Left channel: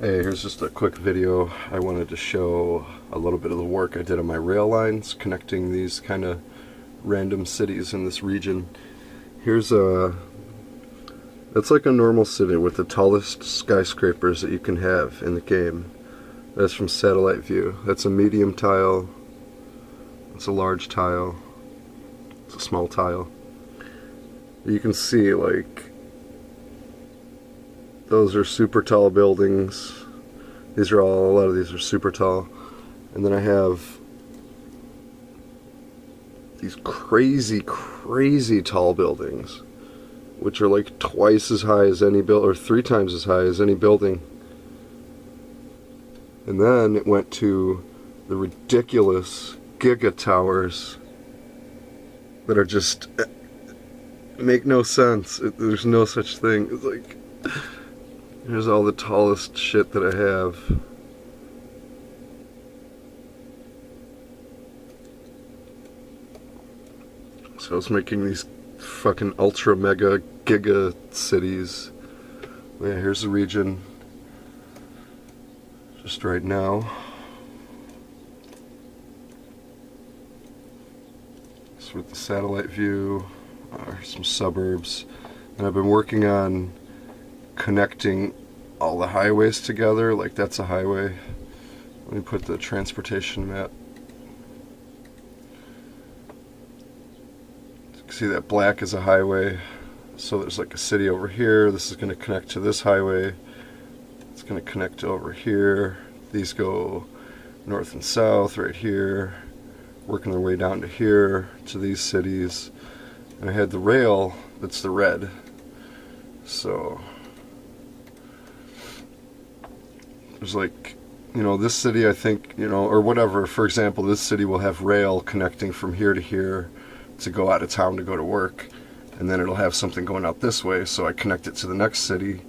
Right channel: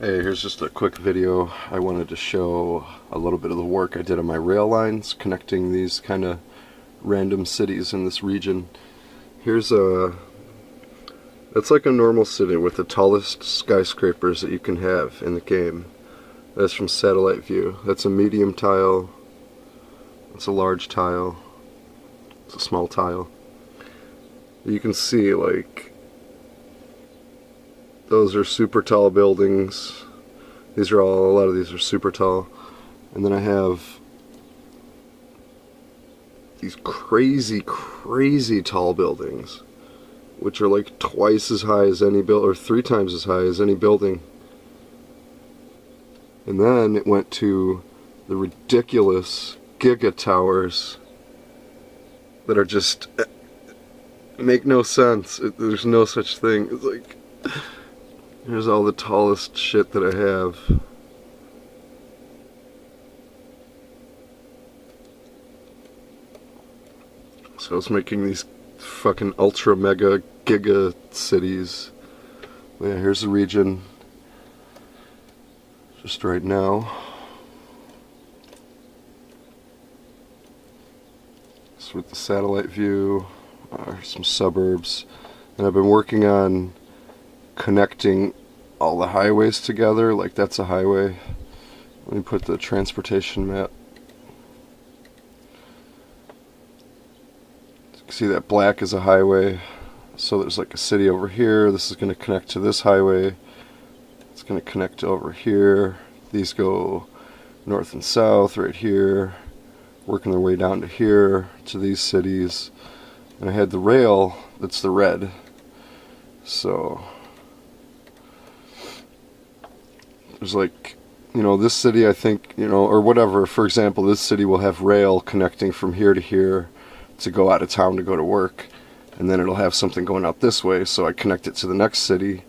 Hey, here's just a quick video. I wanted to show a little bit of the work I did on my rail lines connecting these kind of random cities in this region. That's like a normal city with the tallest skyscrapers that you can have in the game. That's from satellite view. That's a medium tile. It's a large tile. It's a small tile. You can see, like, those are super tall buildings. A lot of these are super tall. And then I have these crazy, crazy tall buildings, which are like twice as high as any or 3 times as high as any building. And then it went to the ridiculous giga towers that are just make no sense. There's no such thing. It's like, here's all the tallest shit that I have. So I was making these fucking ultra mega giga cities. Yeah, here's the region just right now. It's with the satellite view. Some suburbs. And I've been working on connecting all the highways together. Like, that's a highway. Let me put the transportation map. See, that black is a highway. So there's like a city over here. This is going to connect to this highway. It's going to connect over here. These go north and south right here, working their way down to here, to these cities. And I had the rail, that's the red. So there's like, this city, I think, or whatever, for example, this city will have rail connecting from here to here to go out of town to go to work. And then it'll have something going out this way, so I connect it to the next city,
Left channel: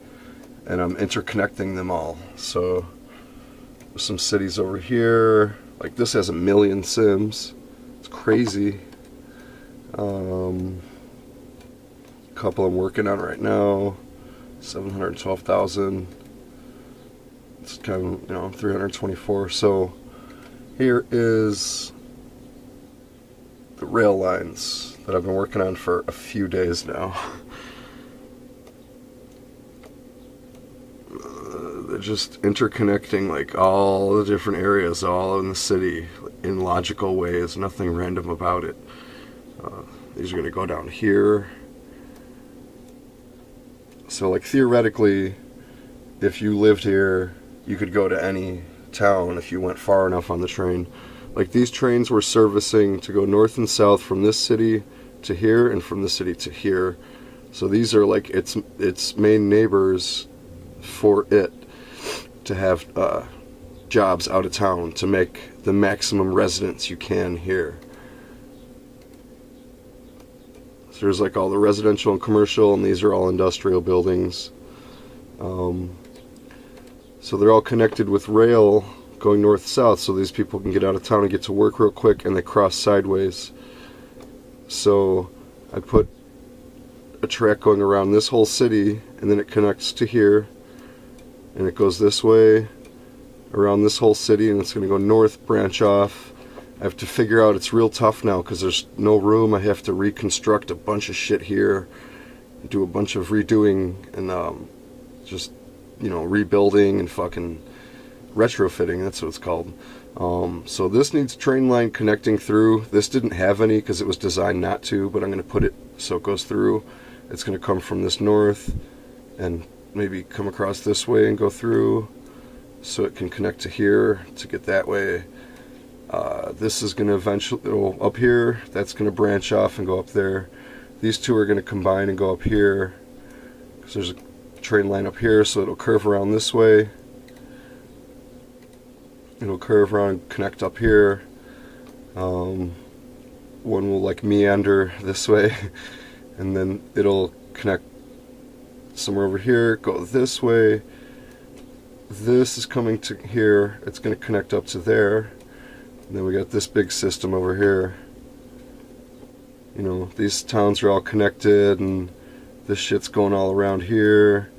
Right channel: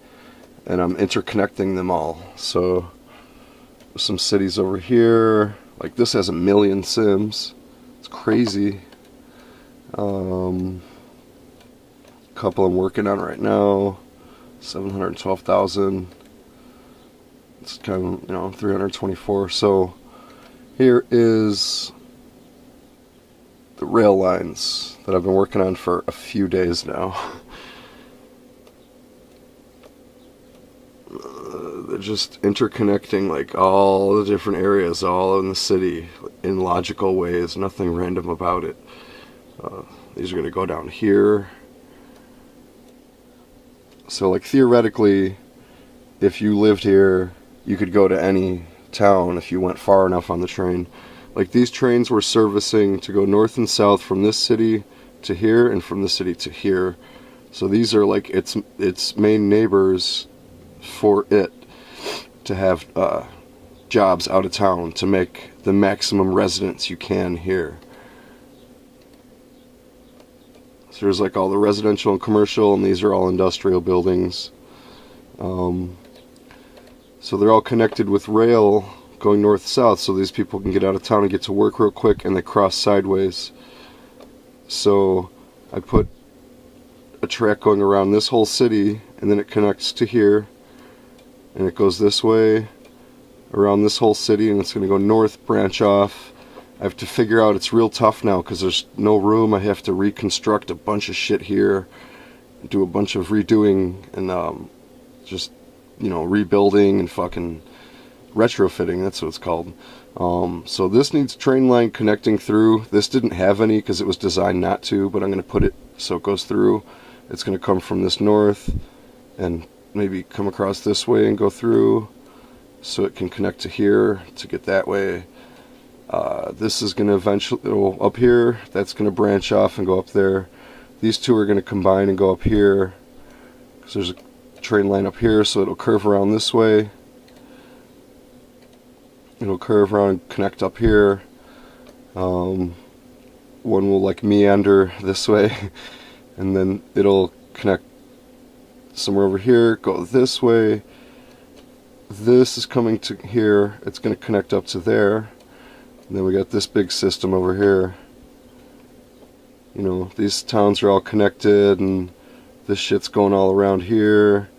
and I'm interconnecting them all. So some cities over here, like this has 1 million sims. It's crazy. Couple I'm working on right now, 712,000. It's kind of, 324. So here is the rail lines that I've been working on for a few days now. They're just interconnecting like all the different areas all in the city in logical ways, nothing random about it. These are going to go down here. So like theoretically, if you lived here, you could go to any town if you went far enough on the train. Like, these trains were servicing to go north and south from this city to here and from this city to here. So these are like its main neighbors for it to have jobs out of town to make the maximum residents you can here. So there's like all the residential and commercial, and these are all industrial buildings. So they're all connected with rail going north-south, so these people can get out of town and get to work real quick, and they cross sideways. So I put a track going around this whole city, and then it connects to here, and it goes this way around this whole city, and it's going to go north, branch off. I have to figure out, it's real tough now because there's no room. I have to reconstruct a bunch of shit here, do a bunch of redoing, and just, rebuilding and fucking retrofitting, that's what it's called. So this needs a train line connecting through. This didn't have any because it was designed not to, but I'm going to put it so it goes through. It's going to come from this north and maybe come across this way and go through, so it can connect to here to get that way. This is going to eventually, up here, that's going to branch off and go up there. These two are going to combine and go up here, because there's a train line up here, so it'll curve around this way. It'll curve around and connect up here. One will like meander this way, and then it'll connect somewhere over here, go this way. This is coming to here, it's going to connect up to there. And then we got this big system over here. These towns are all connected, and this shit's going all around here,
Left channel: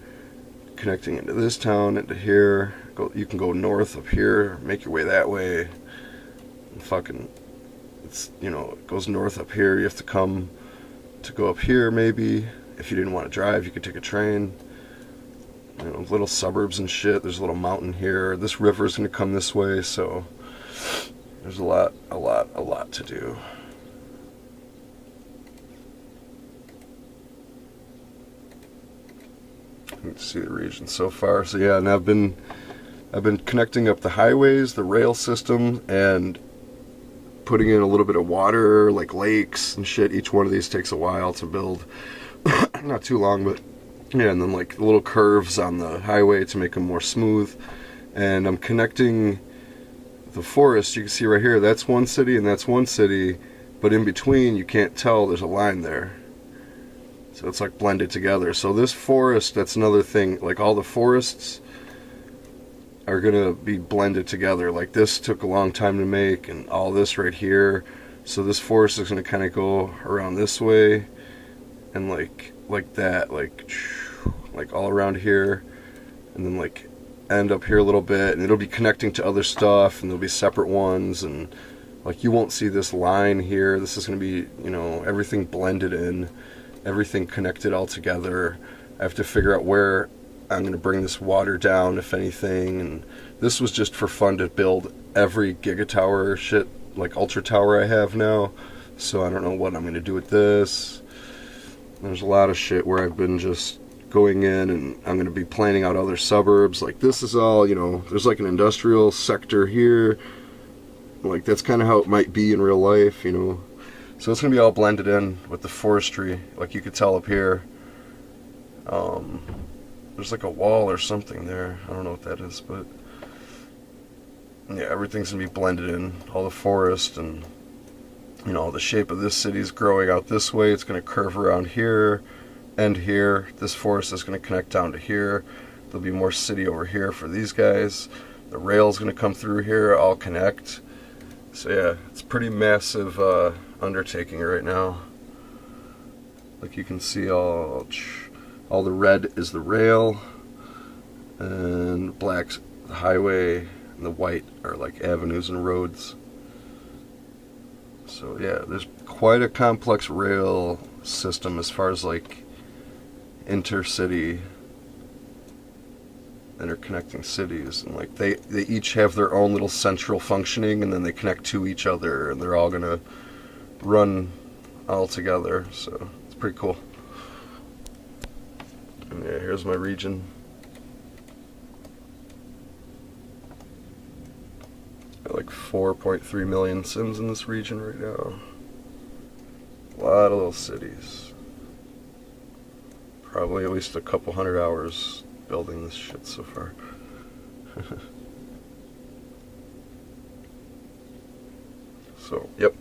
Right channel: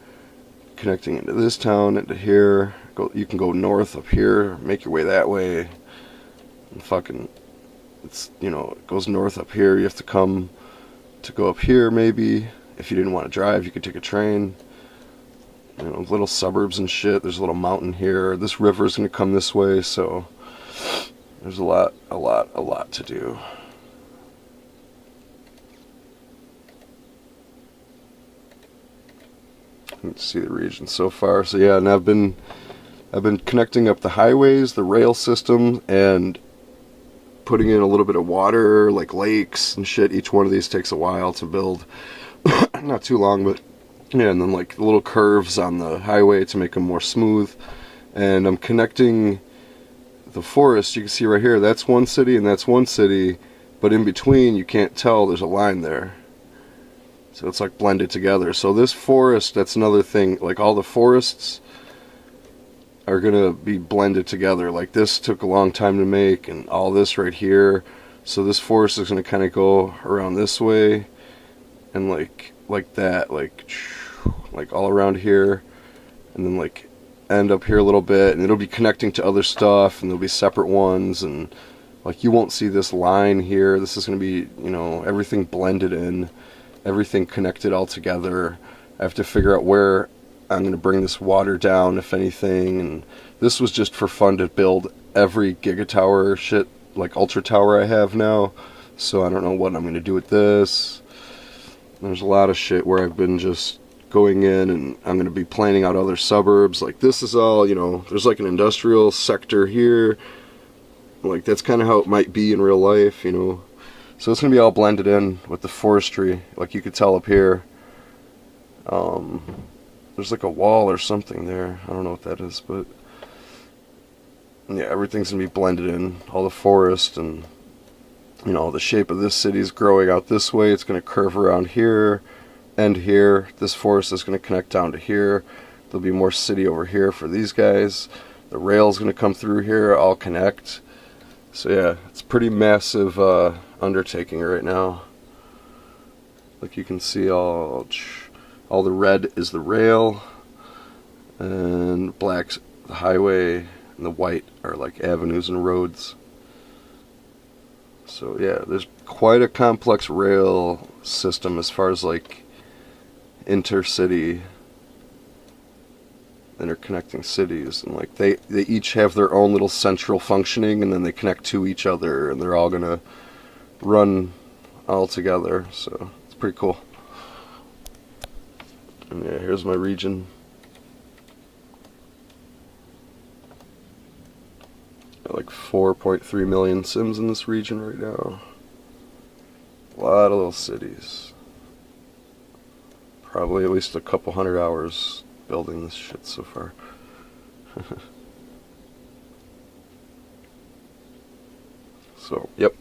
connecting into this town, into here. You can go north up here, make your way that way. And fucking, it's, you know, it goes north up here. You have to come to go up here maybe. If you didn't want to drive, you could take a train. You know, little suburbs and shit. There's a little mountain here. This river is going to come this way, so there's a lot to do. You can see the region so far. So yeah, and I've been connecting up the highways, the rail system, and putting in a little bit of water, like lakes and shit. Each one of these takes a while to build. Not too long, but yeah, and then like little curves on the highway to make them more smooth. And I'm connecting the forest. You can see right here, that's one city and that's one city, but in between you can't tell there's a line there. So it's like blended together. So this forest, that's another thing, like all the forests are gonna be blended together. Like this took a long time to make, and all this right here. So this forest is gonna kind of go around this way, and like that, like all around here, and then like end up here a little bit, and it'll be connecting to other stuff, and there'll be separate ones, and like you won't see this line here. This is gonna be, you know, everything blended in. Everything connected all together. I have to figure out where I'm going to bring this water down, if anything. And this was just for fun to build every gigatower shit, like ultra tower I have now. So I don't know what I'm going to do with this. There's a lot of shit where I've been just going in, and I'm going to be planning out other suburbs. Like this is all, you know, there's like an industrial sector here. Like that's kind of how it might be in real life, you know. So it's going to be all blended in with the forestry, like you could tell up here. There's like a wall or something there. I don't know what that is, but yeah, everything's going to be blended in, all the forest, and you know, the shape of this city is growing out this way. It's going to curve around here, end here. This forest is going to connect down to here. There'll be more city over here for these guys. The rail's going to come through here, all connect. So yeah, it's a pretty massive undertaking right now. Like you can see, all the red is the rail, and black's the highway, and the white are like avenues and roads. So yeah, there's quite a complex rail system as far as like intercity, interconnecting cities, and like they each have their own little central functioning, and then they connect to each other, and they're all gonna run all together. So it's pretty cool. And yeah, here's my region. Got like 4.3 million Sims in this region right now. A lot of little cities. Probably at least a couple hundred hours building this shit so far. So, yep.